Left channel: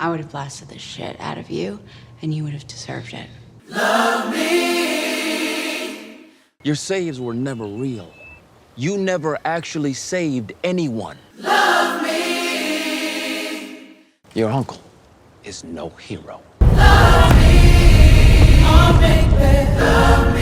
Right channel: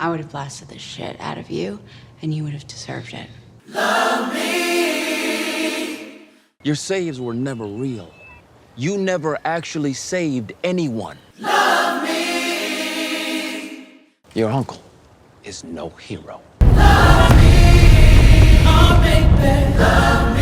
I would have blasted the shit out of you, and you would have deserved it. Love me. Your saves were never real. You never actually saved anyone. Love me. Your uncle is no hero. Love me. Oh, baby. Love me.